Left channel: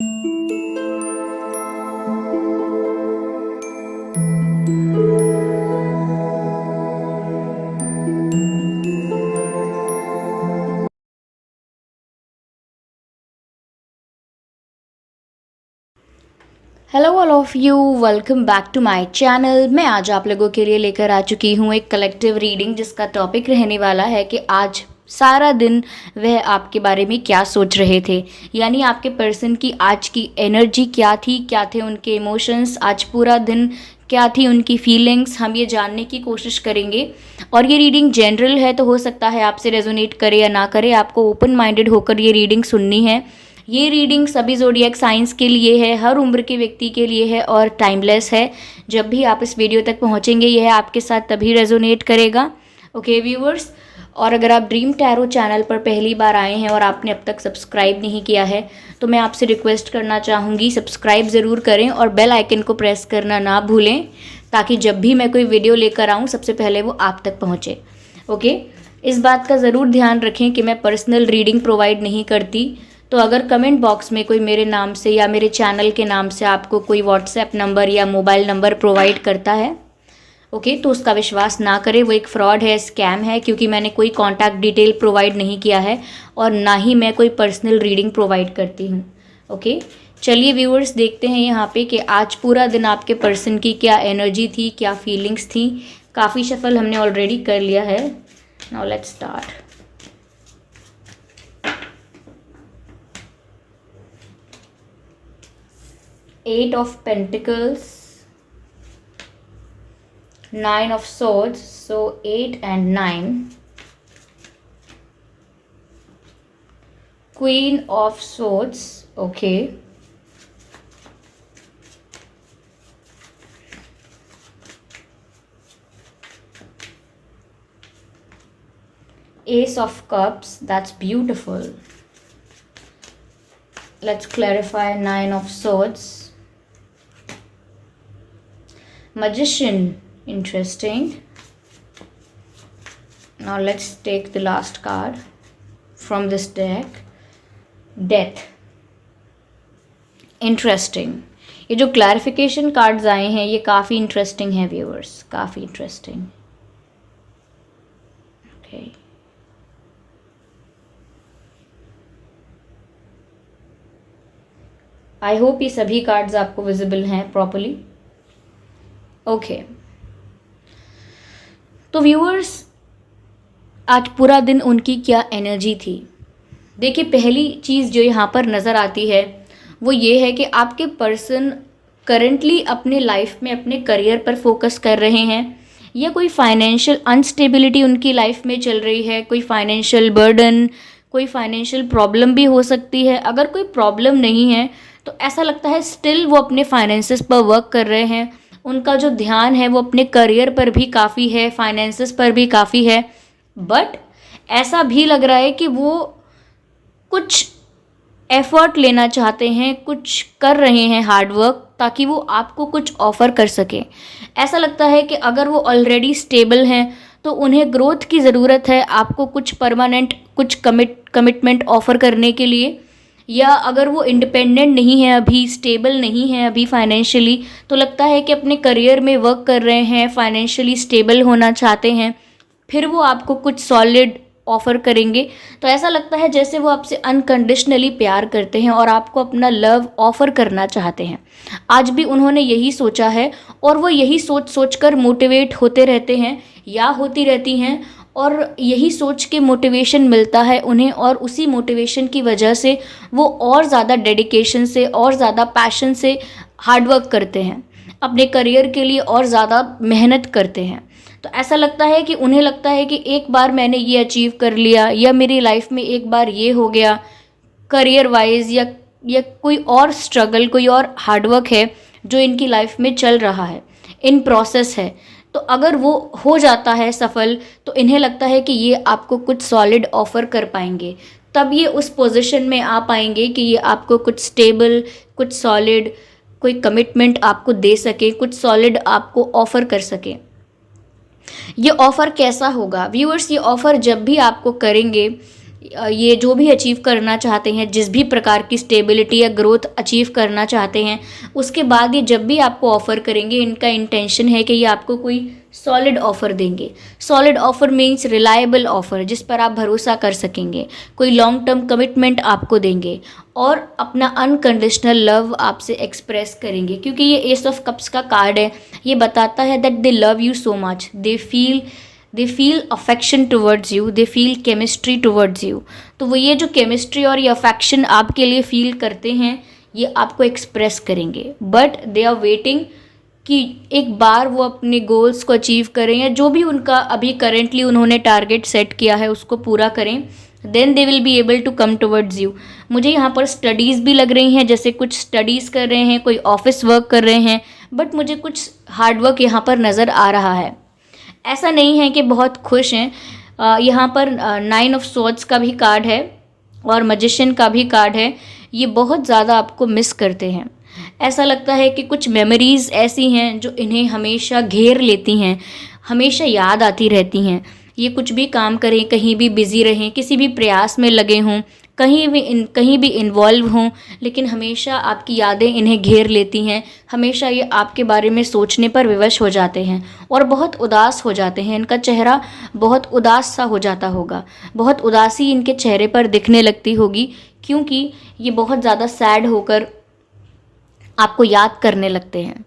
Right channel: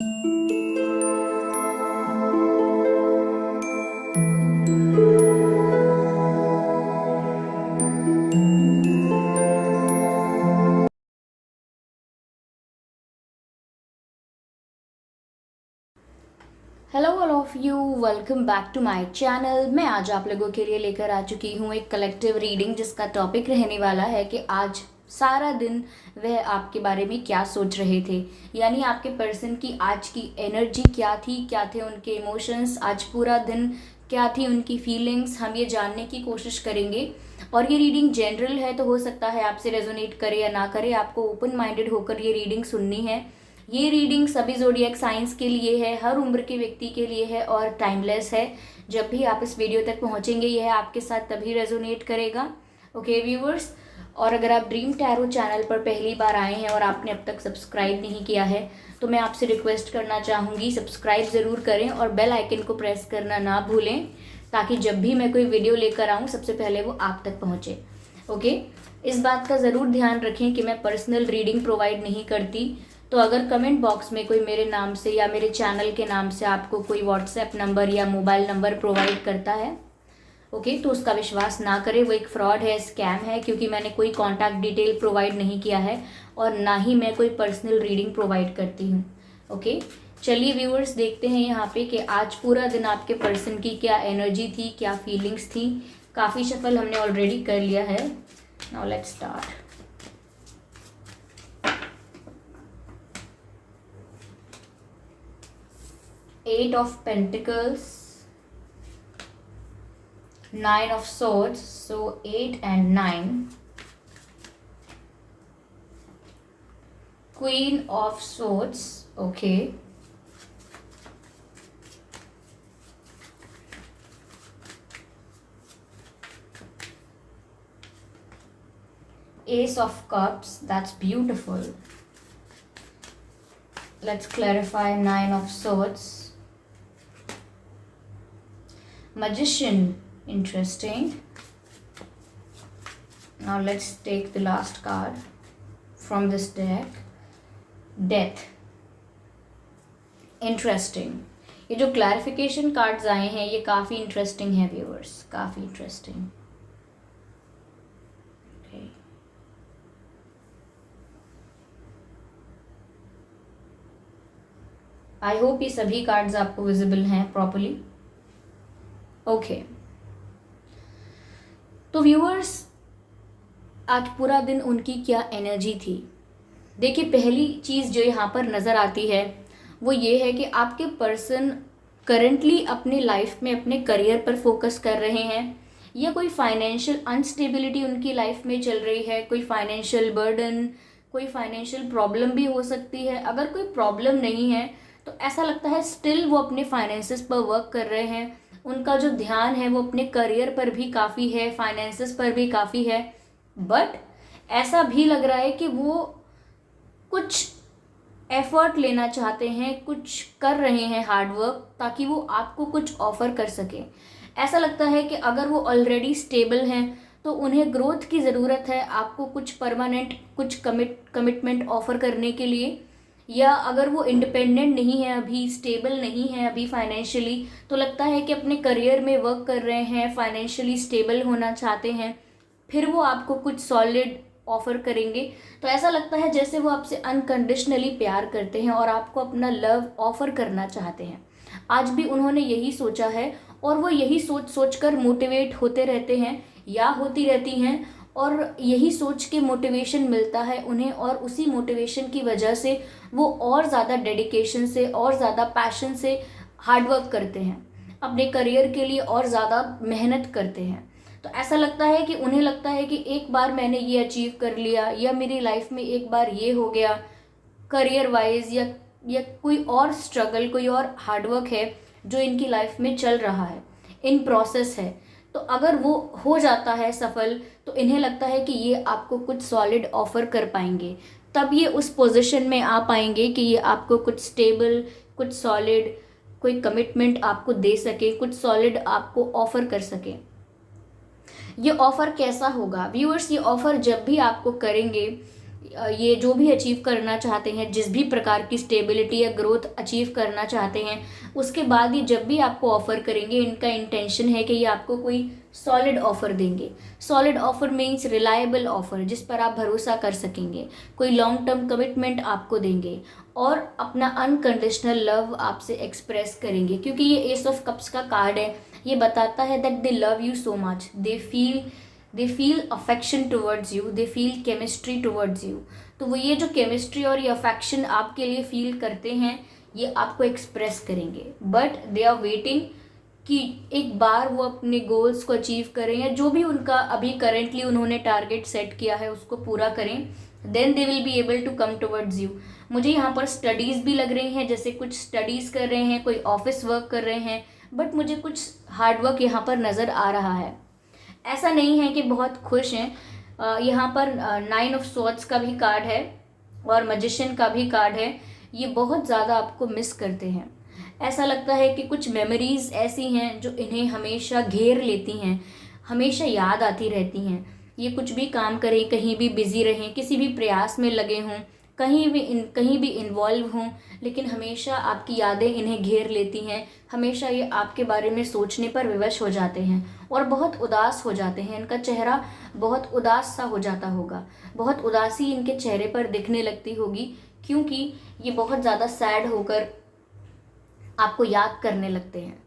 Hello all of you, welcome back to my channel. मैं आज आप लोगों के लिए लेकर आ चुकी हूँ एक कलेक्टिव रीडिंग, जिसका टॉपिक रहने वाला है कि आज सारा दिन वह आपके बारे में क्या सोच रहे थे। यानी आपके पर्सन की आज की एनर्जी क्या थी, क्या थे उनके इमोशंस, आज पूरा दिन क्या थी उनकी फीलिंग्स, हम ये जानने की कोशिश करेंगे। और ये रीडिंग जनरल है, तो हो सकता है आपसे रेजोनेट करे या ना करे, आपको ओपन माइंडेड होकर ये रीडिंग सुननी है। ये रीडिंग सभी ज़ोडिएक साइंस के लिए है, हर उम्र के व्यक्ति के लिए है और टाइमलेस है। जब भी आप इस वीडियो तक पहुंचेंगे यह आपके साथ तभी रेजोनेट करेगा। ओके व्यूअर्स, और अगर आप ड्रीम टैरो चैनल पर पहली बार आए हैं और आपने अब तक सब्सक्राइब नहीं किया है तो मैं आपसे रिक्वेस्ट करना चाहूँगी, सब्सक्राइब ज़रूर करें और बेल आइकन को प्रेस करना ना भूलें, ताकि जब भी मैं कोई वीडियो लेकर आऊँ सबसे पहले वो आप तक पहुँचे। ओके, इस बात का ज़रूर ध्यान रखें कि मैं पर्सनल रीडिंग प्रोवाइड नहीं करती। तो अगर कमेंट बॉक्स में कोई मेरे नाम से या मेरे चैनल के नाम से आपको कोई व्हाट्सएप नंबर या मोबाइल नंबर प्रोवाइड करता है, ओके, तो उसका विश्वास ना करें, वो एक फ्रॉड है, स्कैम है, क्योंकि मैंने कोई कॉन्टैक्ट डिटेल प्रोवाइड नहीं किया है और ना ही मैं कोई पर्सनल रीडिंग प्रोवाइड करती हूँ। ओके, चलिए व्यूअर्स, देखते हैं यहाँ पे कि आज पूरा दिन आपके पर्सन की क्या एनर्जी थी, क्या फीलिंग्स थी। काफ़ी शफल हमने ऑलरेडी कर लिया है। Now let's start. Eight of Pentacles, Nine of Swords, so 8 and 9. Queen of Swords, okay. Ace of Cups, that's beautiful. Let's clarify. Nine of Swords. Magician, interesting. Now let's take the last card from this deck. Death, interesting. ये जो clarification cards आए हैं ये काफ़ी interesting है viewers, काफ़ी interesting. Okay, I hope ये सभी कार्ड्स आपको विजिबल हैं प्रॉपरली। ओके, तो व्यूअर्स आज पूरा दिन उनकी क्या एनर्जी थी। देखिए, पहली चीज़ जो यहाँ पर नज़र आती है वो ये है कि आपके पर्सन करंटली अपने लाइफ में अपने करियर पर फोकस कर रहे हैं, या कोई फाइनेंशियल अनस्टेबिलिटी उनकी लाइफ में चल रही है, कोई फाइनेंशियल बर्डन, कोई फाइनेंशियल प्रॉब्लम भी हो सकती है। अगर कोई प्रॉब्लम नहीं है तो ऐसा लगता है स्टिल वो अपने फाइनेंसेस पर वर्क कर रहे हैं, उनका जो ध्यान है वो अपने करियर पर भी काफ़ी है, फाइनेंसेस पर भी काफ़ी है। बट ऐसा भी लग रहा है कि वो कुछ एफर्ट लेना चाहते हैं, कुछ कर रहे हैं हार्ड वर्क, ताकि वो आपको कुछ ऑफ़र कर सकें। ऐसा लगता है कि अगर वो ऑलरेडी स्टेबल हैं तो उन्हें ग्रोथ की ज़रूरत है, आपको कुछ परमानेंट कुछ कमिटमेंट ऑफ़र करने के लिए। या अगर वो इंडिपेंडेंट नहीं है, अभी स्टेबल नहीं है अभी फाइनेंशियली, तो लगता है कि अपने करियर में वर्क कर रहे हैं, फाइनेंशियली स्टेबल होना चाहते हैं, फिर वो आपको कुछ सॉलिड ऑफ़र करेंगे। तो ऐसा लगता है जैसे वो आपसे अनकंडीशनली प्यार करते हैं और आपको अपना लव ऑफ़र करना चाहते हैं। आज भी उन्होंने यही सोचा है और वो यही सोच सोच कर मोटिवेट होते रहते हैं या होती रहती हैं, और यही सोच के मोटिवेशन मिलता है उन्हें, और उसी मोटिवेशन की वजह से वो और ज़्यादा डेडिकेशन से और ज़्यादा पैशन से हार्डवर्क करते हैं, अपने करियर के लिए और ज़्यादा मेहनत करते हैं। तो ऐसा लगता है कि उन्हें लगता है कि एक बार मैंने ये अचीव कर लिया, या मेरी लाइफ में एक बार ये हो गया करियर वाइज, या कोई और स्ट्रगल, कोई और हार्डवर्क है जो इनकी लाइफ में चल रहा है, इन प्रोसेस है। तो अगर वो हो जाता है सफल तो इन्हें लगता है कि ये आपको कुछ सॉलिड ऑफ़र कर पाएंगे, तब ये उस पोजीशन में आ पाएंगे कि ये आपको कुछ स्टेबल, कुछ सॉलिड, कोई कमिटमेंट आपको दे सके, कुछ सॉलिड आपको ऑफ़र कर सके। ये ऑफ़र कैसा होगा व्यूअर्स? ये ऑफ़र जब भी आपको करेंगे ये जो भी अचीव करना चाहते हैं, जिस भी प्रकार की स्टेबिलिटी या ग्रोथ अचीव करना चाहते हैं, उसके बाद ये जब भी आपको ऑफ़र करेंगे, इनका इंटेंशन है कि ये आपको कोई सॉलिड ऑफ़र देंगे। Solid offer means reliable offer, जिस पर आप भरोसा कर सकेंगे, कोई लॉन्ग टर्म कमिटमेंट आपको देंगे और अपना अनकंडीशनल लव आपसे एक्सप्रेस करेंगे, क्योंकि ये एस ऑफ कप्स का कार्ड है। ये बताता है that they love you so much, they feel affection towards you, they feel chemistry towards you. तो वो ये जो केमिस्ट्री और ये अफेक्शन आपके लिए फील करते हैं, ये आपको एक्सप्रेस करेंगे, बट दे आर वेटिंग कि एक बार वो अपने गोल्स को अचीव करें, या जो भी उनका अभी करेंटली उन्होंने टारगेट सेट किया है उसको पूरा करें, then they will be able to come towards you. मुझे यहाँ पर स्टडीज़ भी लग रही हैं, जैसे कुछ स्टडीज़ कर रहे हैं, कोई ऑफिस वर्क कर रहे हैं, बट मुझे कुछ हार्डवर्क यहाँ पर नज़र आ रहा है। ऐसा नहीं है कि बहुत खुश हैं। यहाँ पर 9 ऑफ स्वॉर्ड्स का भी कार्ड है और मैजिशियन का भी कार्ड है। ये बहुत ज़्यादा आपको मिस करते हैं। ऐसा लगता है कि कुछ मेमोरीज़ ऐसी हैं जो इन्हें हमेशा घेर लेती हैं, हमेशा याद आती रहती हैं। ये कुछ भी काम करें, कहीं भी बिज़ी रहें, किसी भी प्रयास में लगे हों, कहीं भी इन्वॉल्व हों, लेकिन हमेशा आपकी यादें इन्हें घेर लेती हैं। हमेशा ये आपके बारे में सोचने पर विवश हो जाते हैं और बहुत उदास हो जाते हैं। इनका चेहरा बहुत उदास सा हो जाता होगा, बहुत उदासी इनके चेहरे पर दिखने लगती होगी, क्योंकि ये बहुत ज़्यादा सैड होकर आपको याद करने लगते हैं।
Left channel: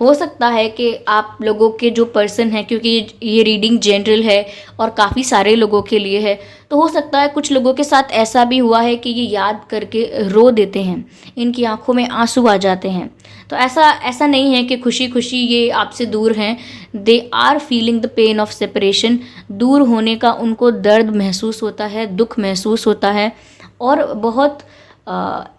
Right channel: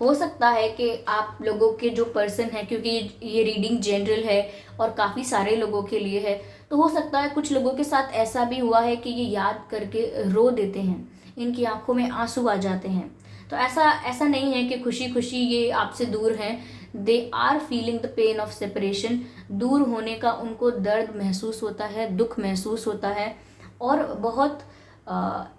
हो सकता है कि आप लोगों के जो पर्सन हैं, क्योंकि ये रीडिंग जनरल है और काफ़ी सारे लोगों के लिए है, तो हो सकता है कुछ लोगों के साथ ऐसा भी हुआ है कि ये याद करके रो देते हैं, इनकी आंखों में आंसू आ जाते हैं। तो ऐसा नहीं है कि खुशी खुशी ये आपसे दूर हैं। They are feeling the pain of separation. दूर होने का उनको दर्द महसूस होता है, दुख महसूस होता है, और बहुत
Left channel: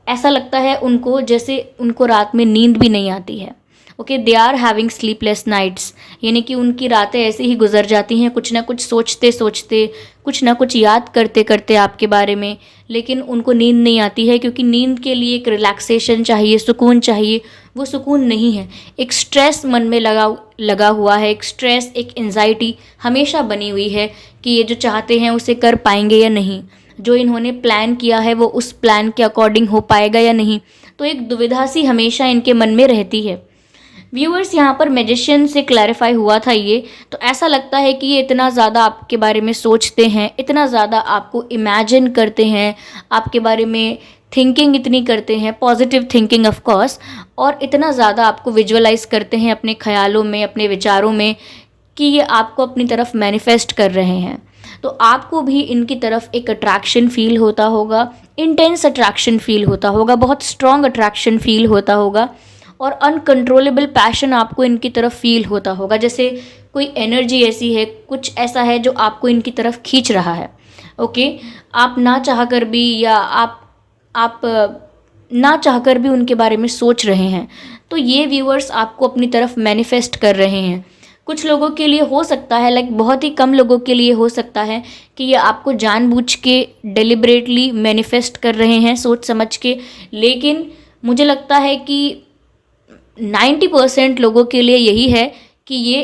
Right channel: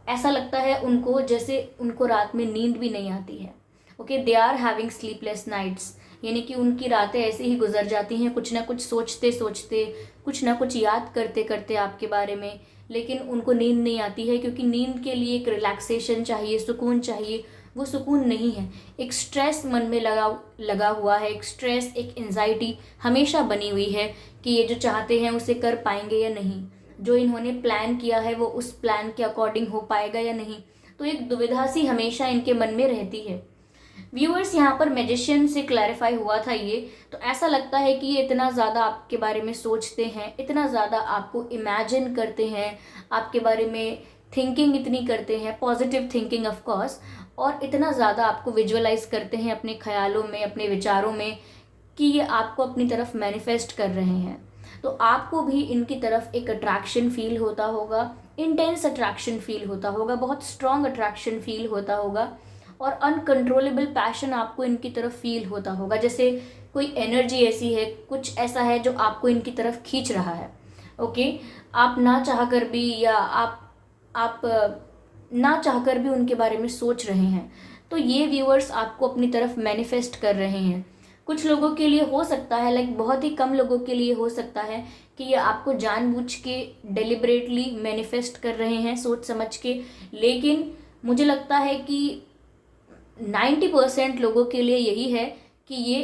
ऐसा लगता है उनको जैसे उनको रात में नींद भी नहीं आती है। Okay, they are having sleepless nights, यानी कि उनकी रातें ऐसे ही गुजर जाती हैं, कुछ ना कुछ सोचते सोचते, कुछ ना कुछ याद करते करते आपके बारे में, लेकिन उनको नींद नहीं आती है, क्योंकि नींद के लिए एक रिलैक्सेशन चाहिए, सुकून चाहिए। वो सुकून नहीं है, एक स्ट्रेस मन में लगा हुआ है, एक स्ट्रेस, एक एंजाइटी हमेशा बनी हुई है कि ये जो चाहते हैं उसे कर पाएंगे या नहीं, जो इन्होंने प्लान किया है वो उस प्लान के अकॉर्डिंग हो पाएगा या नहीं। तो एक दुविधा सी हमेशा इनके मन में रहती है। व्यूअर्स, यहाँ पर मैजिशियन से क्लैरिफाई हुआ था ये, तो ऐसा लगता है कि ये इतना ज़्यादा आपके बारे में सोचते हैं, इतना ज़्यादा आपको इमेजिन करते हैं, आपके बारे में थिंकिंग इतनी करते हैं, पॉजिटिव थिंकिंग ऑफ कोर्स, और इतना ज़्यादा आपको विजुअलाइज करते हैं अपने ख्यालों में, अपने विचारों में, कि ये आपको अपनी तरफ मैनिफेस्ट कर रहे हैं। तो आपको भी इनकी तरफ एक अट्रैक्शन फील होता होगा, इंटेंस अट्रैक्शन फील होता होगा, बहुत स्ट्रॉन्ग अट्रैक्शन फील होता होगा, और अनकंट्रोलेबल पैशन आपको इनकी तरफ फील होता होगा, जैसे कोई एनर्जी ऐसी है, कुछ ऐसा है जो आपको इनकी तरफ खींच रहा है। ओके, आप ना चाहकर भी, या आप ना चाहकर भी उनके बारे में सोच रहे हैं, तो ये व्यूअर्स आपको अपनी तरफ मैनिफेस्ट कर रहे हैं। कुछ लोगों के लिए हो सकता है, लाइक बहुत ही कम लोगों के लिए हो सकता है कि ये आपको जानबूझ के डेलिबरेटली मैनिफेस्ट कर रहे हैं, सोच समझ के, लेकिन मुझे लगता है कि 90% लोगों के लिए यही है कि ये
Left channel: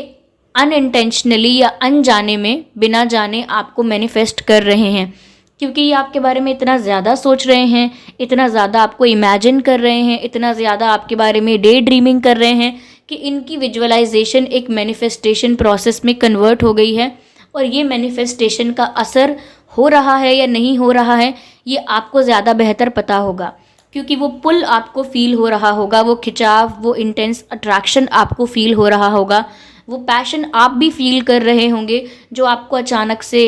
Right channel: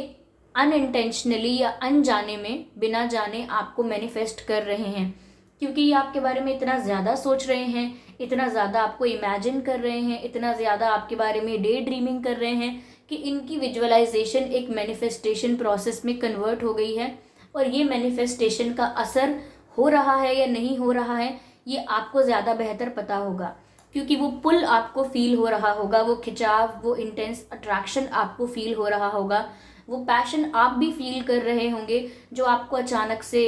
अनइंटेंशनली या अनजाने में, बिना जाने आपको मैनिफेस्ट कर रहे हैं, क्योंकि ये आपके बारे में इतना ज़्यादा सोच रहे हैं, इतना ज़्यादा आपको इमेजिन कर रहे हैं, इतना ज़्यादा आपके बारे में डे ड्रीमिंग कर रहे हैं कि इनकी विजुअलाइजेशन एक मैनिफेस्टेशन प्रोसेस में कन्वर्ट हो गई है। और ये मैनिफेस्टेशन का असर हो रहा है या नहीं हो रहा है, ये आपको ज़्यादा बेहतर पता होगा, क्योंकि वो पुल आपको फील हो रहा होगा, वो खिंचाव, वो इंटेंस अट्रैक्शन आपको फील हो रहा होगा, वो पैशन आप भी फील कर रहे होंगे, जो आपको अचानक से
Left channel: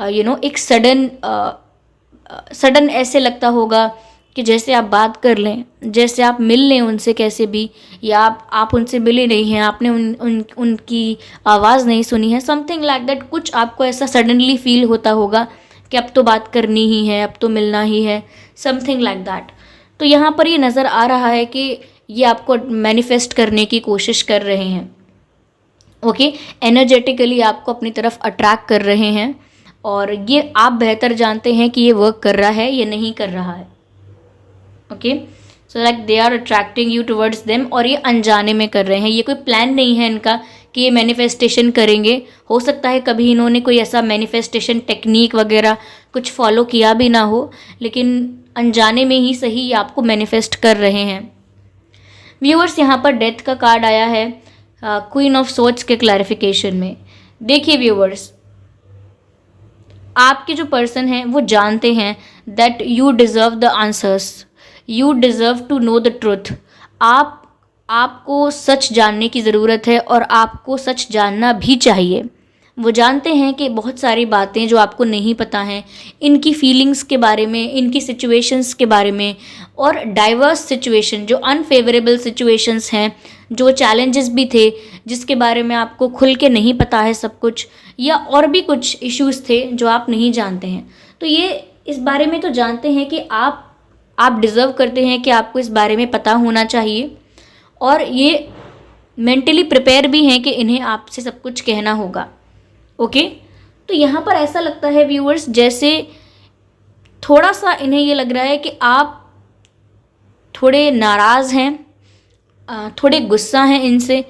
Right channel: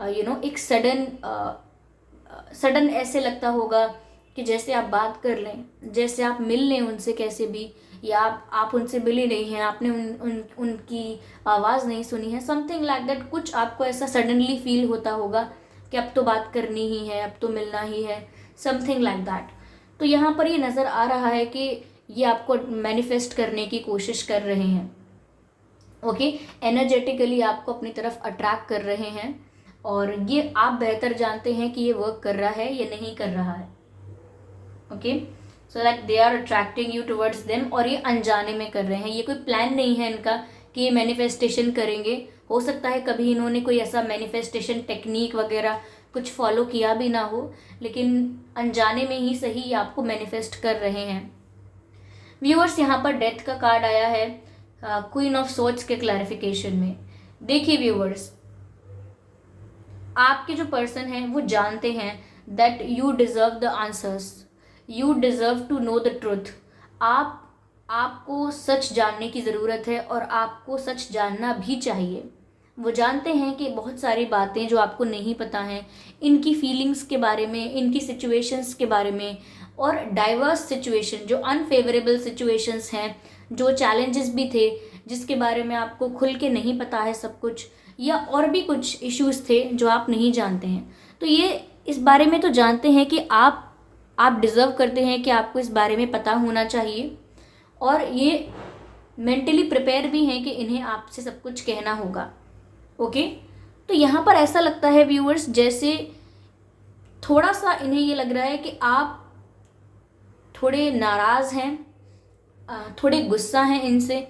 एक सडन ऐसे लगता होगा कि जैसे आप बात कर लें, जैसे आप मिल लें उनसे कैसे भी, या आप उनसे मिले नहीं हैं, आपने उनकी आवाज़ नहीं सुनी है, समथिंग लाइक दैट। कुछ आपको ऐसा सडनली फील होता होगा कि अब तो बात करनी ही है, अब तो मिलना ही है, समथिंग लाइक दैट। तो यहाँ पर ये नज़र आ रहा है कि ये आपको मैनिफेस्ट करने की कोशिश कर रहे हैं। ओके, एनर्जेटिकली आपको अपनी तरफ अट्रैक्ट कर रहे हैं, और ये आप बेहतर जानते हैं कि ये वर्क कर रहा है या नहीं कर रहा है। Okay, so like they are attracting you towards them, और ये अनजाने में कर रहे हैं, ये कोई प्लान नहीं है इनका कि ये मैनिफेस्टेशन करेंगे। हो सकता है कभी इन्होंने कोई ऐसा मैनिफेस्टेशन टेक्निक वगैरह कुछ फॉलो किया भी ना हो, लेकिन अनजाने में ही सही ये आपको मैनिफेस्ट कर रहे हैं। व्यूअर्स, यहाँ पर डेथ का कार्ड आया है क्वीन ऑफ सोर्ड्स के क्लैरिफिकेशन में। देखिए व्यूअर्स, आपके जो पर्सन हैं वो जानते हैं that you deserve the answers, you deserve to know the truth. आपको सच जानने की ज़रूरत है और आपको सच जानना भी चाहिए। वो जानते हैं कि बहुत सारी बातें जो आपको नहीं पता हैं, इनकी फीलिंग्स के बारे में, इनकी सिचुएशंस के बारे में, और डाइवर्स सिचुएशन जो अनफेवरेबल सिचुएशंस हैं, जो चैलेंजेस भी थे जिसके बारे में आपको खुल के नहीं पता है सब कुछ, या और भी कुछ इश्यूज थे जो आप नहीं जानते हैं। तो ये इस बारे में तो जानते हैं कि आप डिज़र्व करते हैं कि आपको इस बारे में पता होना चाहिए, और ये मेंटली प्रिपेयर भी हैं कि इन्हें आपसे सब कुछ कहना होगा। ओके, तो यहाँ पर ऐसा लगता है व्यूअर्स जैसे थोड़ा सा इन्हें ये लग रहा है कि आप थोड़े नाराज़ हैं, थोड़े गुस्सा हैं इनसे।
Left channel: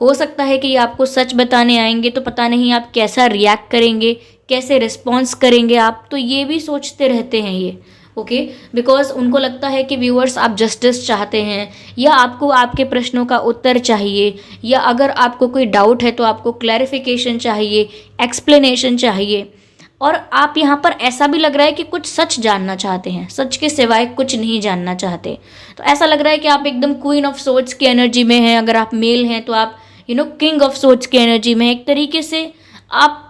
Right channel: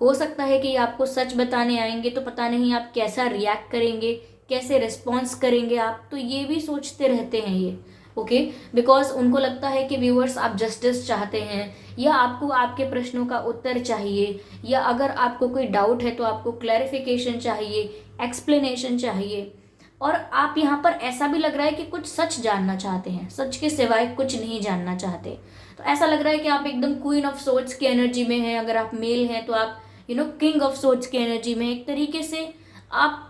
हो सकता है कि ये आपको सच बताने आएंगे तो पता नहीं आप कैसा रिएक्ट करेंगे, कैसे रिस्पॉन्स करेंगे आप, तो ये भी सोचते रहते हैं ये। ओके, बिकॉज उनको लगता है कि व्यूअर्स आप जस्टिस चाहते हैं, या आपको आपके प्रश्नों का उत्तर चाहिए, या अगर आपको कोई डाउट है तो आपको क्लैरिफिकेशन चाहिए, एक्सप्लेनेशन चाहिए। और आप यहाँ पर ऐसा भी लग रहा है कि कुछ सच जानना चाहते हैं, सच के सिवाय कुछ नहीं जानना चाहते। तो ऐसा लग रहा है कि आप एकदम क्वीन ऑफ सोर्ड्स की एनर्जी में हैं। अगर आप मेल हैं तो आप किंग ऑफ सोर्ड्स की एनर्जी में। एक तरीके से आप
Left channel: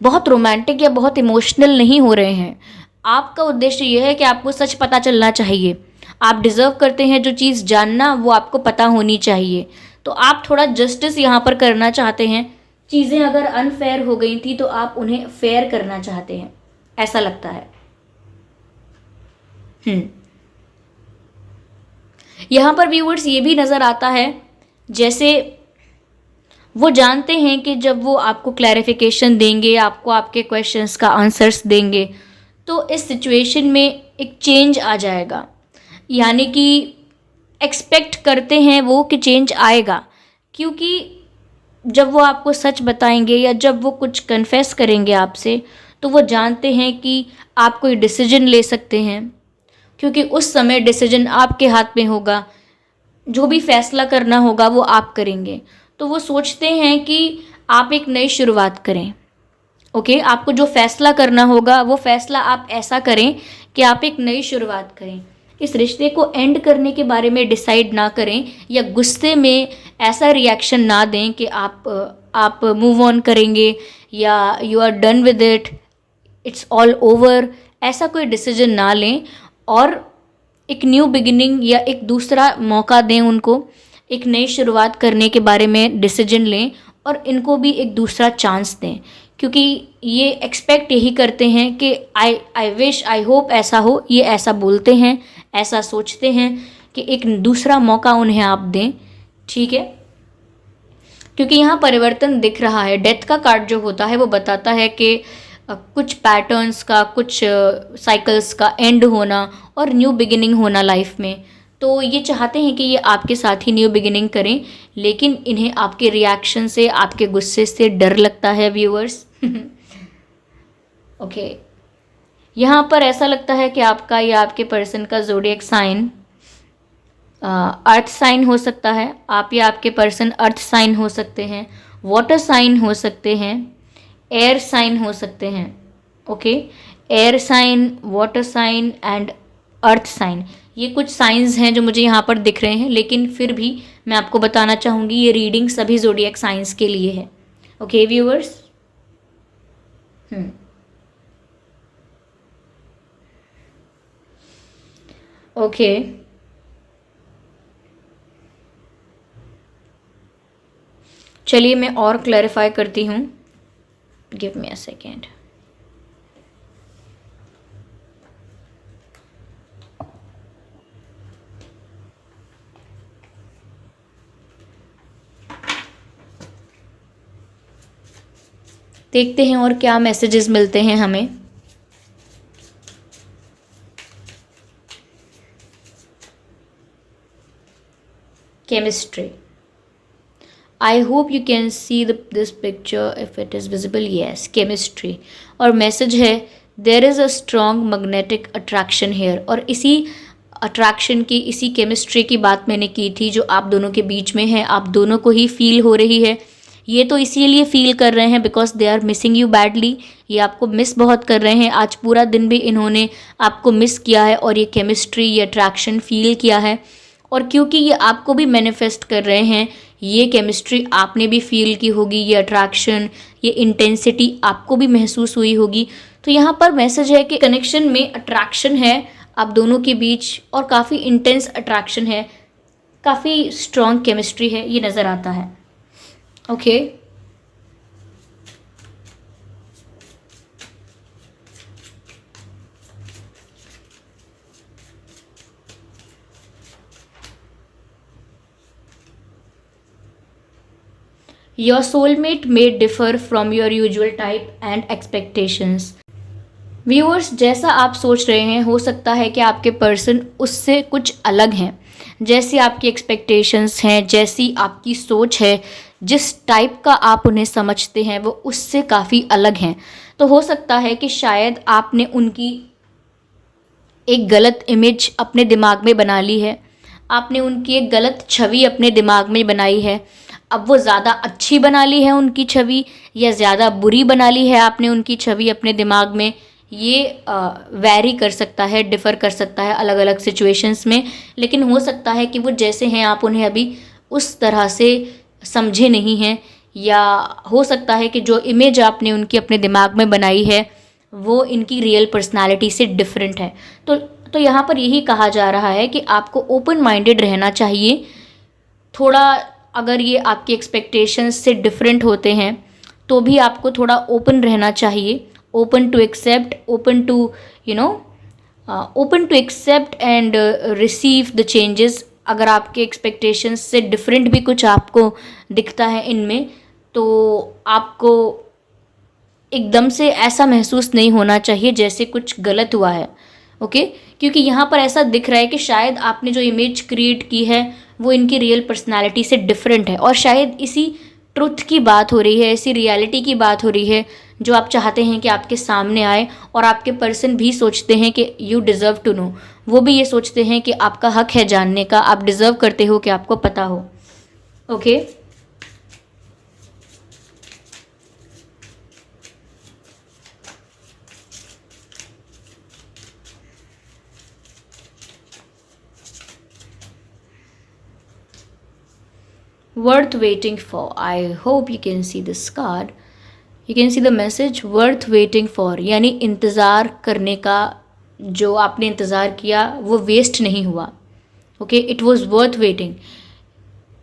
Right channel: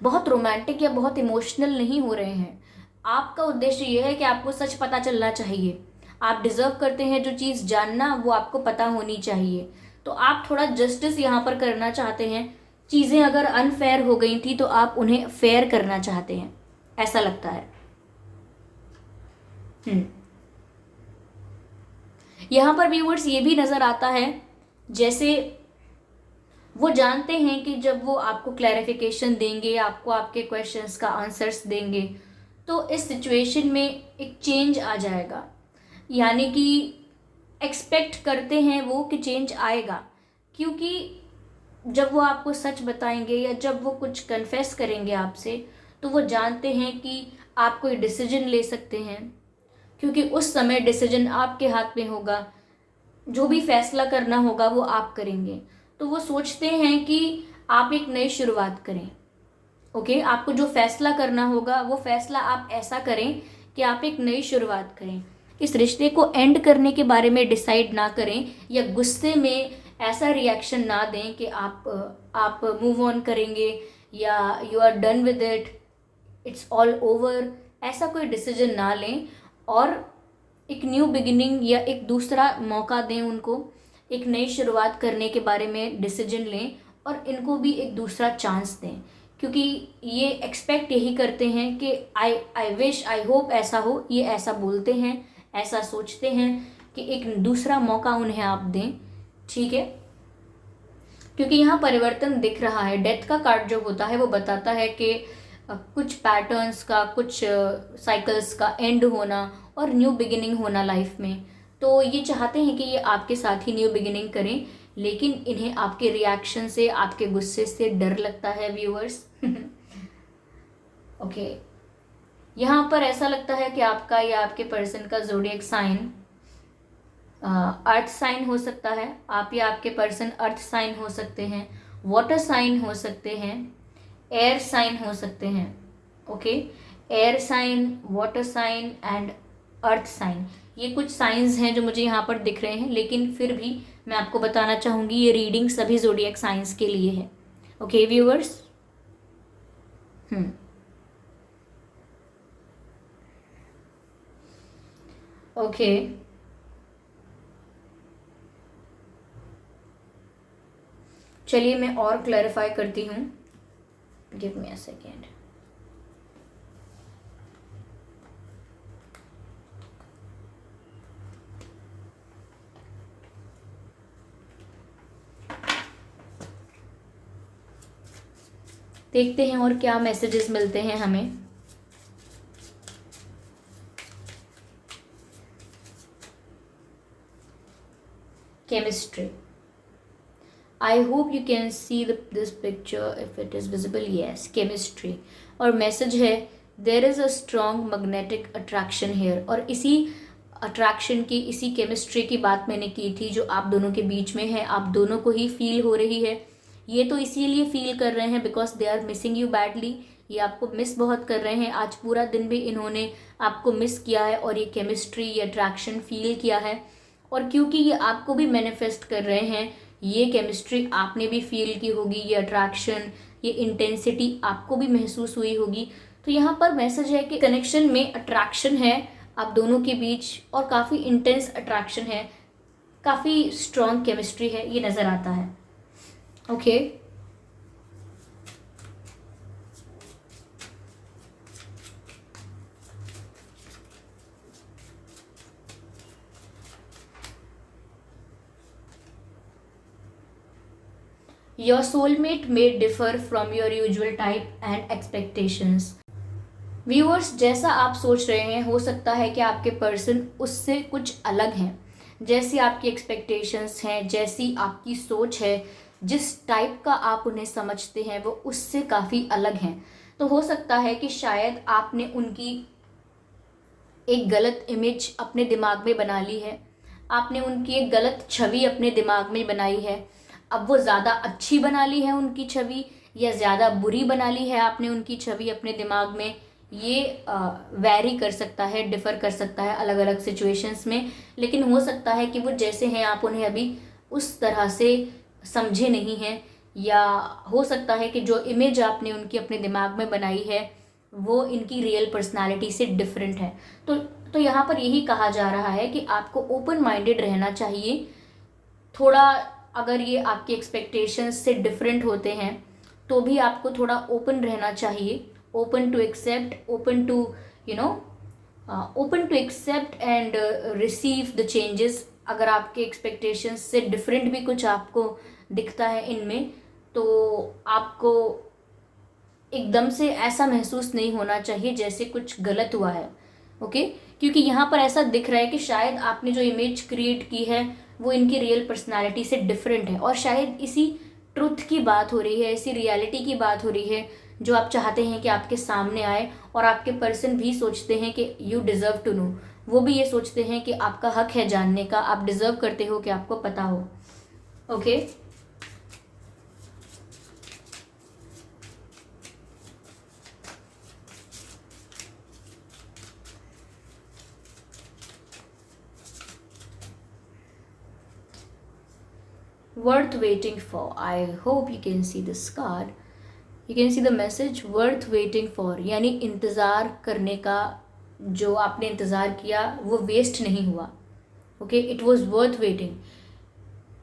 बहुत रोमांटिक या बहुत इमोशनल नहीं हो रहे हैं। आपका उद्देश्य यह है कि आपको सच पता चलना चाहिए। आप डिज़र्व करते हैं जो चीज़ जानना, वो आपको पता होनी चाहिए। तो आप थोड़ा जस्टिस यहाँ पर करना चाहते हैं। चीज़ें अगर अनफेयर हो गई थी तो आप उन्हें फेयर करना चाहते हैं, ऐसा लगता है। यहाँ पर व्यूअर्स ये भी नज़र आता है जैसे वो जानते हैं कि जब वो आपको क्लैरिफिकेशन देंगे, आपको आपके क्वेश्चंस का आंसर्स देंगे, तो इस सिचुएशन में एक चेंज आ जाएगा। यानी कि एक्सपेक्ट करते हैं वो कि चेंज आएगा, क्योंकि जब वो आपको सच बताएंगे या जब वो कुछ कन्फेस करेंगे आपसे, तो वो जानते हैं कि आप कोई डिसीजन ले सकते हैं, क्योंकि उस समय डिसीजन आपके हाथ में होगा। जो भी फैसला करना होगा वो आप करेंगे। तो वो सोचते हैं कि आप एक नई शुरुआत करें। ओके, आपको जो फैसला करना होगा वो फैसला आप ऐसा करें कि आप एक नई शुरुआत करें। इस रिश्ते को एंड करने के बारे में डिसाइड ना करें, या गुस्से में ऐसा रिएक्शन ना दें कि आप मूव ऑन करेंगे या you are done with it, it's all over, ऐसा कोई डिसीजन ना लें। और एक न्यू बिगिनिंग या एक दूसरा मौका दें उनको, एक नई शुरुआत करने के बारे में डिसीजन लें, और इनको भी एक दूसरा चांस दें, क्योंकि ये एक्सपेक्ट यही करते हैं कि आई विश, आई होप ऐसा हो। ये ऐसा बोलते हैं, ऐसा सोचते हैं कि एक दूसरा मौका उन्हें आप दें। ठीक है, क्योंकि यहाँ परिवर्तन दिख रहा है। डेथ का कार्ड जो होता है वो बताता है कि कुछ पैटर्न्स का, कुछ साइकिल्स का एंड होना और न्यू बिगिनिंग होना लाइफ में। तो ये चाहते हैं कि ये आपके साथ ही न्यू बिगिनिंग करें, लेकिन इन्हें आपके रिएक्शन से, आपके गुस्से से डर लगता है व्यूअर्स। ओके, यहाँ पर ऐसा लगता है कि आपका या आपके पर्सन का ज़ोडिएक साइन अर्थ साइन हो सकता है। आप या आपके पर्सन अर्थ साइन हो सकते हैं, वाटर साइन हो सकते हैं, एयर साइन हो सकते हैं। Okay, air sign, water sign and earth sign, ये कुछ साइंस हैं जो मुझे यहाँ पर दिख रहे हैं, लेकिन फिर भी मैं आपको बताना चाहूँगी ये रीडिंग सभी ज़ोडिएक साइंस के लिए है। ओके व्यूअर्स, ओके, चलिए मैं और क्लैरिफाई करती हूँ। Give me a second. देखते हैं और क्या मैसेजेस मिलते हैं हमें। chemistry. I hope you can see this picture if it is visible. Yes, chemistry. और message है there is a strong magnetic attraction here. और इसी अट्रैक्शन की, इसी केमिस्ट्री की बात मैंने की थी जो आप दोनों के बीच में है, आप दोनों को ही फील हो रही है। ये तो इसीलिए फील कर रहे हैं because they are missing you badly. ये आपको मिस बहुत कर रहे हैं। आज पूरा दिन भी इन्होंने आपको मिस किया है और ये केमिस्ट्री, ये अट्रैक्शन फील किया है। और क्योंकि ये आपको भी मैनिफेस्ट कर रहे हैं, ये केमिस्ट्री आपने भी फील की होगी, ये अट्रैक्शन, ये इंटेंसिटी आपको भी महसूस हुई होगी। तो यहाँ पर मैसेज है कि कनेक्शन में अट्रैक्शन है आप दोनों के बीच और काफ़ी इंटेंस अट्रैक्शन है, काफ़ी स्ट्रॉन्ग केमिस्ट्री है, ये नज़र आता है। Okay Your soulmate may differ from your usual type and expectations. Viewers, जैसा आप सोच रहे हैं हो सकता है कि आपके पर्सन उससे कुछ अलग हैं। जैसी आपकी एक्सपेक्टेशंस हैं, जैसी आपकी सोच है, जिस टाइप का आप उन्हें समझते हैं वो उससे काफ़ी अलग हैं। तो हो सकता है कि शायद आपने उनकी एक गलत इमेज अपने दिमाग में बना ली है, आपने उनकी एक गलत छवि अपने दिमाग में बनाई है। अब वो ज़्यादा अच्छी बना ली है उनकी छवि या ज़्यादा बुरी बना ली है आपने उनकी छवि अपने दिमाग में, ये वैरी कर सकता है, डिफ़र कर सकता है अलग अलग सिचुएशंस में। लेकिन हो सकता है कि वो जैसे हैं आप उन्हें अभी उस तरह से समझे नहीं हैं, या हो सकता है कि जो इमेज आपने उनकी अपने दिमाग में बनाई है वो इनकी रियल पर्सनालिटी से डिफरेंट है। तो यहाँ पर यही कहा जा रहा है कि आपको ओपन माइंडेड रहना चाहिए। थोड़ा अगर ये आपकी एक्सपेक्टेशंस से डिफरेंट होते हैं तो भी आपको थोड़ा ओपन रहना चाहिए, open to accept, open to open to accept and receive the changes. अगर आपके एक्सपेक्टेशंस से डिफरेंट भी कुछ आपको दिखता है इनमें, तो आपको एकदम से ऐसा महसूस नहीं होना चाहिए जैसे कुछ गलत हुआ है। ओके क्योंकि यहाँ पर ऐसा दिख रहा है कि शायद आपने जो इमेज क्रिएट की है वो इनकी रियल पर्सनालिटी से डिफरेंट है, और शायद इसी ट्रुथ की बात हो रही है, इसी रियलिटी की बात हो रही है जो आप चाहते हैं कि आपके सामने आए। और आपके पर्सन भी सोचते हैं कि यू डिज़र्व टू नो, वो भी ये सोचते हैं कि आपका हक है जानने का, आप डिज़र्व करते हो कि आपको पता हो। Okay worth waiting for. I hope you can see this card. You can see the message worth waiting for, यानी इंतज़ार करने का, जो आपने इंतज़ार किया वो वेस्ट नहीं हुआ। Okay it was worth waiting.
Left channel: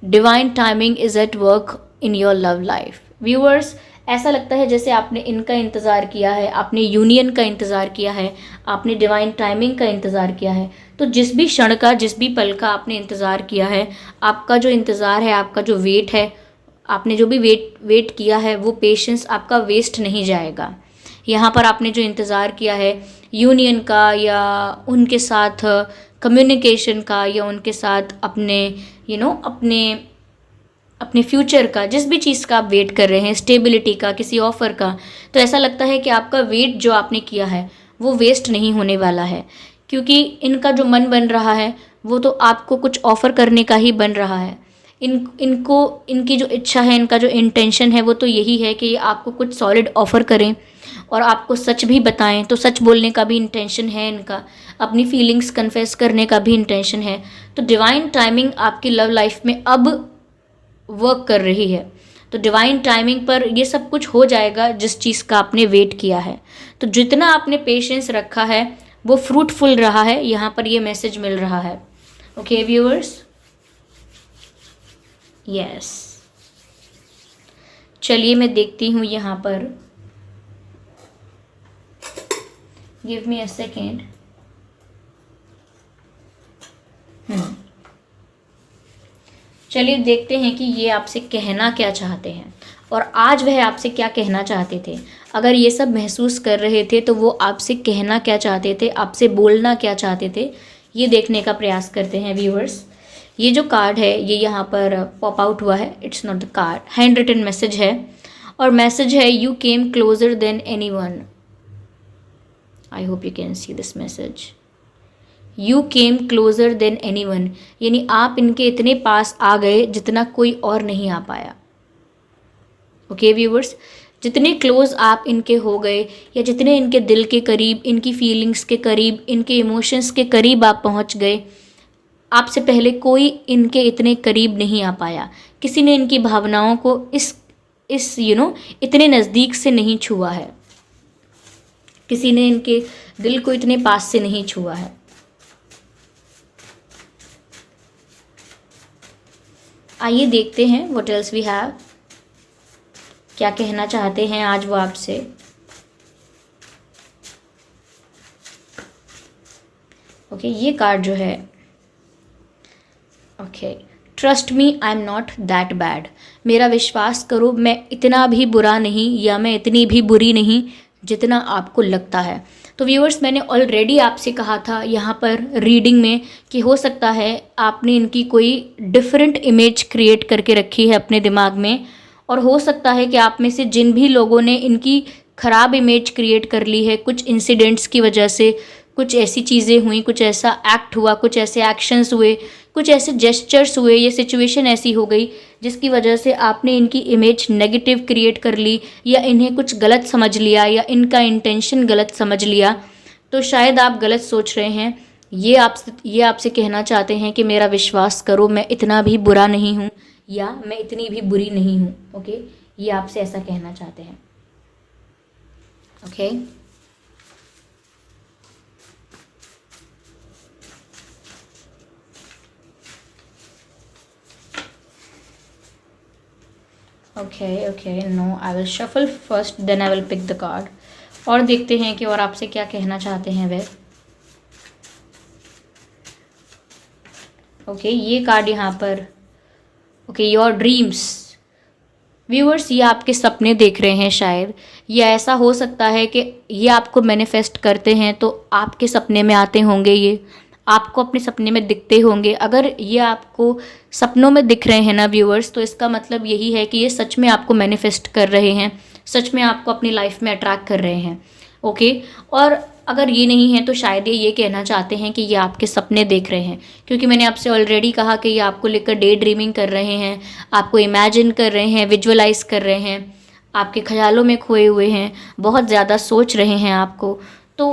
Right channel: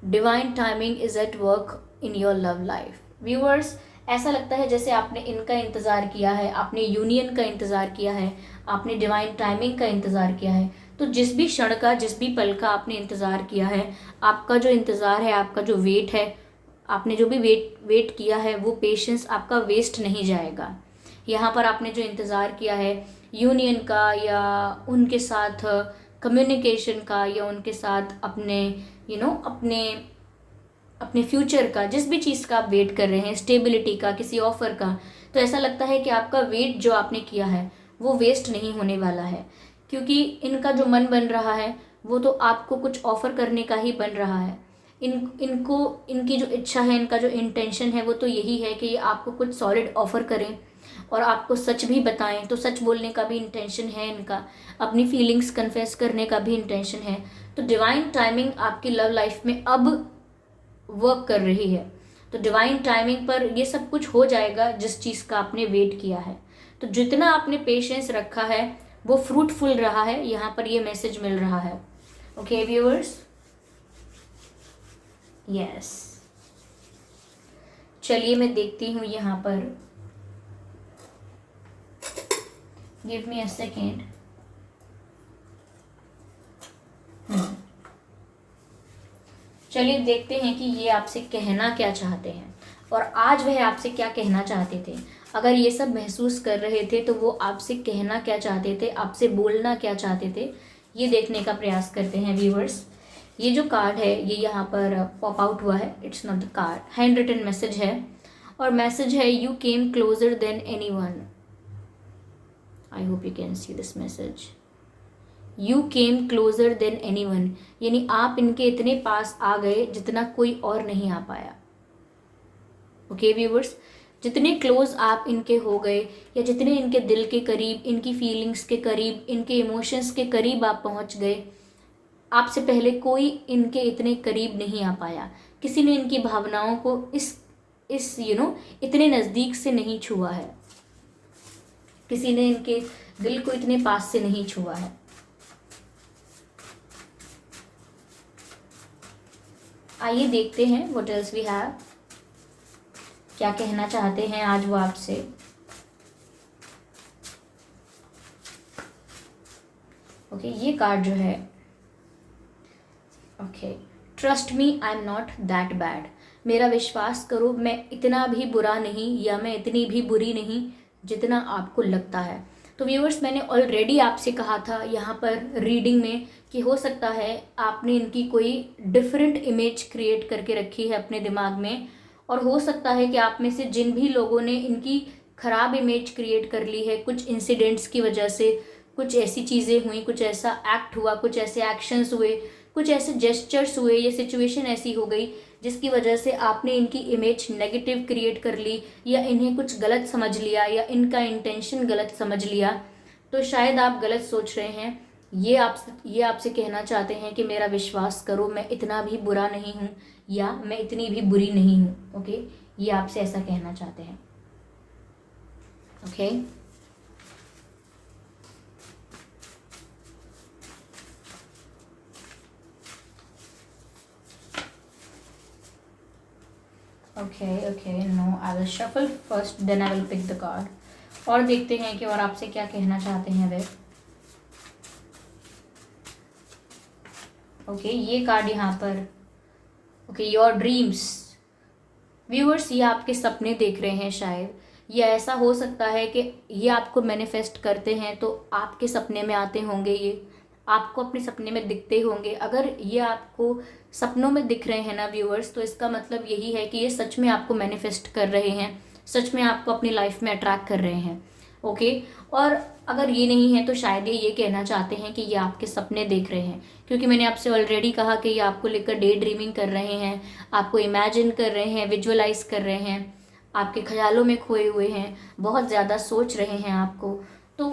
Divine timing is at work in your love life. Viewers, ऐसा लगता है जैसे आपने इनका इंतज़ार किया है, आपने यूनियन का इंतज़ार किया है, आपने डिवाइन टाइमिंग का इंतज़ार किया है। तो जिस भी क्षण का, जिस भी पल का आपने इंतज़ार किया है, आपका जो इंतज़ार है, आपका जो वेट है, आपने जो भी वेट किया है, वो पेशेंस आपका वेस्ट नहीं जाएगा। यहाँ पर आपने जो इंतज़ार किया है यूनियन का, या उनके साथ कम्युनिकेशन का, या उनके साथ अपने अपने फ्यूचर का, जिस भी चीज़ का आप वेट कर रहे हैं, स्टेबिलिटी का, किसी ऑफ़र का, तो ऐसा लगता है कि आपका वेट जो आपने किया है वो वेस्ट नहीं होने वाला है। क्योंकि इनका जो मन बन रहा है वो तो आपको कुछ ऑफ़र करने का ही बन रहा है। इनकी जो इच्छा है, इनका जो इंटेंशन है वो तो यही है कि आपको कुछ सॉलिड ऑफ़र करें और आपको सच भी बताएं। तो सच बोलने का भी इंटेंशन है इनका, अपनी फीलिंग्स कन्फेस करने का भी इंटेंशन है। तो डिवाइन टाइमिंग आपकी लव लाइफ में अब वर्क कर रही है। तो डिवाइन टाइमिंग पर ये सब कुछ हो जाएगा जिस चीज़ का आपने वेट किया है। तो जितना आपने पेशेंस रखा है वो फ्रूटफुल रहा है, यहाँ पर ये मैसेज मिल रहा है। ओके व्यूअर्स, यस, चलिए मैं देखती हूँ यहाँ पर, गिव मी अ सेकेंड। चलिए देखते हैं कि ये आपसे कहना क्या चाहते हैं और आज वह आपसे क्या कहना चाहते थे। अगर ये सब महसूस कर रहे थे तो वो आपसे कहना क्या चाहते थे, आपसे बोलना क्या चाहते थे, ये देखने का प्रयास करते हैं व्यूअर्स। ये जो कार्ड है ये यहाँ पर पॉप आउट हुआ है, it's not the card, handwritten message है और मैसेज है you came closer than anyone. I hope you can see this message, you came closer than anyone, यानी आप इनके इतने पास आ गए जितना कोई और नहीं आ पाया। ओके व्यूवर्स, जितने क्लोज आप इनके हो गए या जितने इनके दिल के करीब, इनकी फीलिंग्स के करीब, इनके इमोशंस के करीब आप पहुंच गए, आपसे पहले कोई इनके इतने करीब नहीं आ पाया। किसी ने इनकी भावनाओं को इस इतने नज़दीक से नहीं छुआ है, किसी ने इनके दिल को इतने पास से नहीं छुआ है। आइए देखते हैं व्हाट एल्स वी हैव, क्या कहना चाहते हैं आज वो आपसे। ओके, ये कार्ड जो है, okay, trust me I am not that bad, मेरा विश्वास करो मैं इतना भी बुरा नहीं या मैं इतनी भी बुरी नहीं जितना आपको लगता है। तो व्यूअर्स, मैंने ऑलरेडी आपसे कहा था यहाँ पर रीडिंग में कि हो सकता है आपने इनकी कोई डिफरेंट इमेज क्रिएट करके रखी है अपने दिमाग में, और हो सकता है कि आप में से जिन भी लोगों ने इनकी ख़राब इमेज क्रिएट कर ली है कुछ इंसिडेंट्स की वजह से, कुछ ऐसी चीज़ें हुई, कुछ ऐसा एक्ट हुआ, कुछ ऐसे एक्शंस हुए, कुछ ऐसे जेस्चर्स हुए, ये सिचुएशन ऐसी हो गई जिसकी वजह से आपने इनकी इमेज नेगेटिव क्रिएट कर ली या इन्हें कुछ गलत समझ लिया या इनका इंटेंशन गलत समझ लिया। तो शायद आप गलत सोच रहे हैं। ये आपसे कहना चाहते हैं कि मेरा विश्वास करो मैं इतना भी बुरा नहीं हूँ या मैं इतनी भी बुरी नहीं हूँ। ओके, ये आपसे ऐसा कहना चाहते हैं। Okay, okay, no, I will shuffle first then I will pick the card, और देखते हैं कि और आपसे क्या कहना चाहते हैं वे। ओके, ये कार्ड यहाँ पर, ओके, योर ड्रीम्स। व्यूअर्स, ये आपके सपने देख रहे हैं शायद, या ऐसा हो सकता है कि ये आपको मैनिफेस्ट करते हैं तो आपके सपने में आते होंगे, ये आपको अपने सपने में दिखते होंगे। अगर ये आपको सपनों में दिख रहे हैं ना व्यूअर्स, तो इसका मतलब यही है कि ये सच में आपको मैनिफेस्ट कर रहे हैं, सच में आपको अपनी लाइफ में अट्रैक्ट कर रहे हैं। ओके, और अगर ये नहीं है तो शायद ये कहना चाहते हैं कि ये आपके सपने देख रहे हैं, क्योंकि मैंने आपसे ऑलरेडी कहा कि ये आपको लेकर डे ड्रीमिंग कर रहे हैं, आपको इमेजिन कर रहे हैं, विजुअलाइज कर रहे हैं, आपके ख्यालों में खोए हुए हैं, बहुत ज़्यादा सोच रहे हैं आपको। तो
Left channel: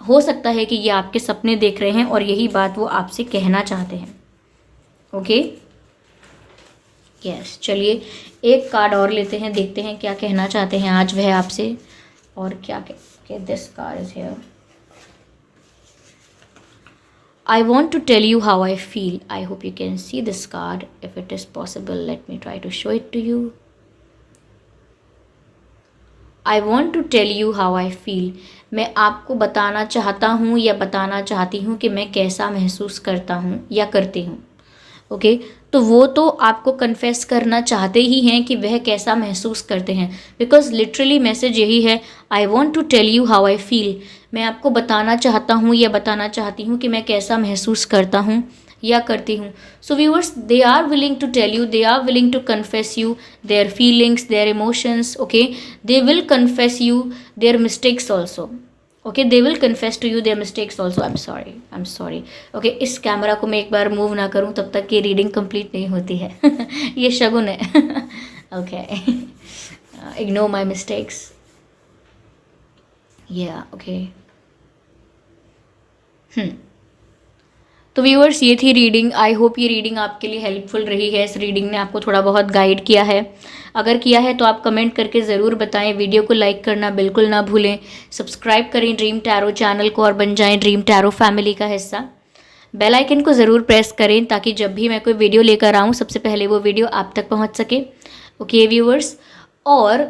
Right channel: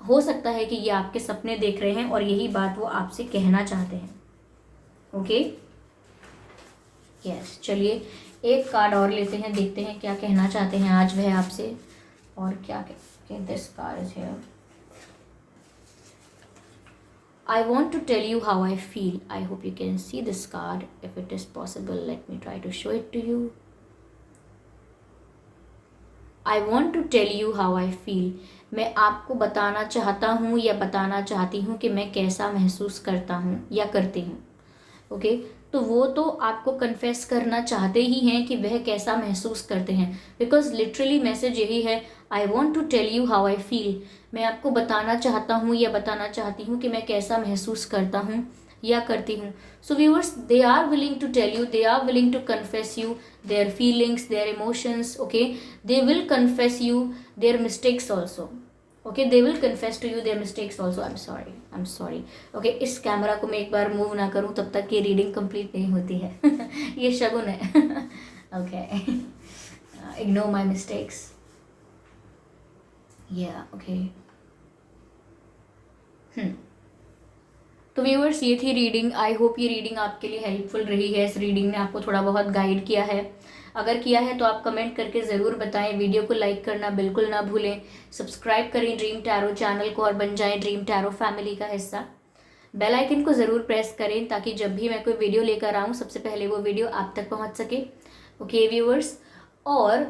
हो सकता है कि ये आपके सपने देख रहे हैं और यही बात वो आपसे कहना चाहते हैं। ओके, यस, चलिए एक कार्ड और लेते हैं, देखते हैं क्या कहना चाहते हैं आज वह आपसे और क्या Okay, this card is here. I want to tell you how I feel. I hope you can see this card. If it is possible, let me try to show it to you. I want to tell you how I feel. मैं आपको बताना चाहता हूँ या बताना चाहती हूँ कि मैं कैसा महसूस करता हूँ या करती हूँ। ओके, तो वो तो आपको कन्फेस करना चाहते ही हैं कि वह कैसा महसूस करते हैं, बिकॉज लिटरली मैसेज यही है, I want to tell you how I feel. मैं आपको बताना चाहता हूँ या बताना चाहती हूँ कि मैं कैसा महसूस करता हूँ या करती हूँ। So viewers, they are willing to tell you, they are willing to confess you their feelings, their emotions. Okay, they will confess you their mistakes also. Okay, they will confess to you their mistakes also. I am sorry. Okay, इस camera को मैं एक बार move ना करूँ तब तक ये reading complete नहीं होती है। ये शगुन है। Okay, ignore my mistakes. या ओके, तो व्यूअर्स, ये थी रीडिंग। आई होप ये रीडिंग आपके लिए हेल्पफुल रही है। इस रीडिंग ने आपको थोड़ा बहुत गाइड किया है। अगर किया है तो आप कमेंट करके ज़रूर बताएं। वीडियो को लाइक करना बिल्कुल ना भूलें। सब्सक्राइब करें ड्रीम टैरो चैनल को और बन जाएं ड्रीम टैरो फैमिली का हिस्सा। बेल आइकन को ज़रूर प्रेस करें ताकि जब भी मैं कोई वीडियो लेकर आऊँ सबसे पहले वो वीडियो आप तक पहुँच सके। ओके व्यूअर्स, और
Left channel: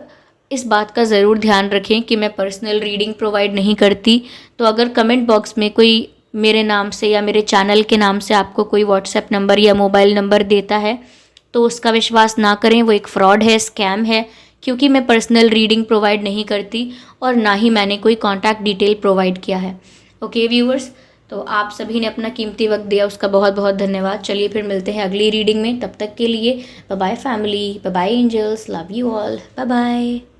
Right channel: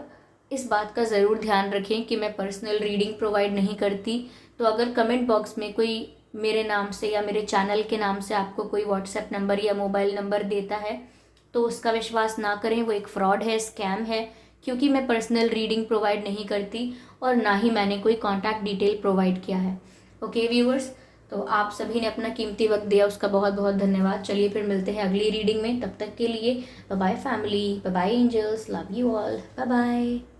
इस बात का ज़रूर ध्यान रखें कि मैं पर्सनल रीडिंग प्रोवाइड नहीं करती। तो अगर कमेंट बॉक्स में कोई मेरे नाम से या मेरे चैनल के नाम से आपको कोई व्हाट्सएप नंबर या मोबाइल नंबर देता है तो उसका विश्वास ना करें, वो एक फ्रॉड है, स्कैम है, क्योंकि मैं पर्सनल रीडिंग प्रोवाइड नहीं करती और ना ही मैंने कोई कॉन्टैक्ट डिटेल प्रोवाइड किया है। ओके व्यूअर्स, तो आप सभी ने अपना कीमती वक्त दिया, उसका बहुत बहुत धन्यवाद। चलिए फिर मिलते हैं अगली रीडिंग में, तब तक के लिए bye bye family, bye bye angels, love you all, bye bye.